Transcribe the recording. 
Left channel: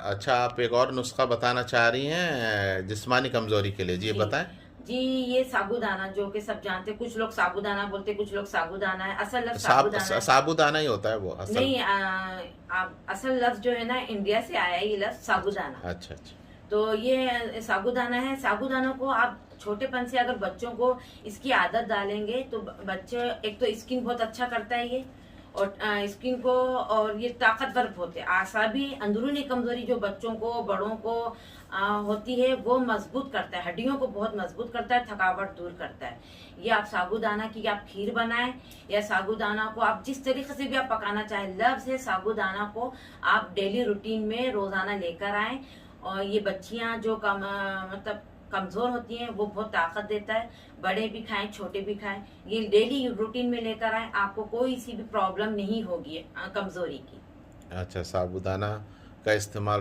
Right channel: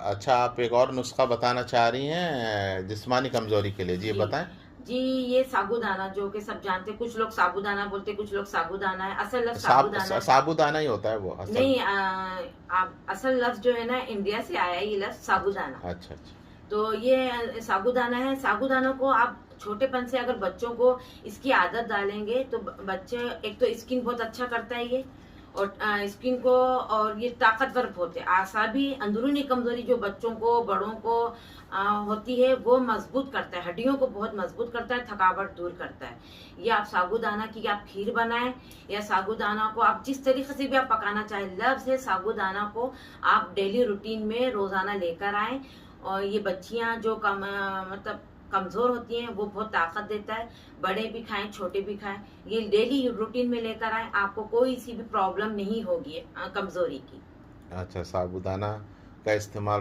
अच्छा, आप एक और नुस्खा बताना चाह रही हैं जिस्मानी कमजोरी के लिए, जी जी बताएं। जी, ये साबूदाना जो कि सब जानते हैं, कुछ लोग साबूदाना बोलते हैं, कुछ लोग साबूदाना है, असल लफ्ज साबूदाना है। साबूदाना ही होता है वो असल। नहीं, असल लफ्ज जो है ना, इंडिया से आया है ये लफ्ज अच्छा साबूदाना। अच्छा अच्छा। तो ये साबूदाना है। साबूदाना को आप छोटेपन से अगर बच्चों को इसकी आदत डालेंगे तो बच्चे, एक तो स्किन बहुत अच्छा करता है ये, और स्किन को, और ये ताकतवर होते हैं। आसाबी अंदरूनी कमजोरी जो बच्चों को, बड़ों को होती है, वो मजबूत करता है, हड्डियों को बहुत मजबूत करता है, थकावट दूर करता है। ये आप साबूदाना की आप खीर बनाएं, या साबूदाना को आप जिस तरीके से भी आप पकाना चाहें, लफ्ज है साबूदाना को आप डेली रूटीन में रोजाना लेकर आए। और ये बच्चियां जो मतलब कमजोर होती हैं, वो बहुत ताकत देता है। बड़े भी खाएं, छोटे भी खाएं, ये डेली रूटीन में लेकर आए, आपको कोई सी भी प्रॉब्लम नहीं होगी कमजोरी की। अच्छा, साबूदाना का इस्तेमाल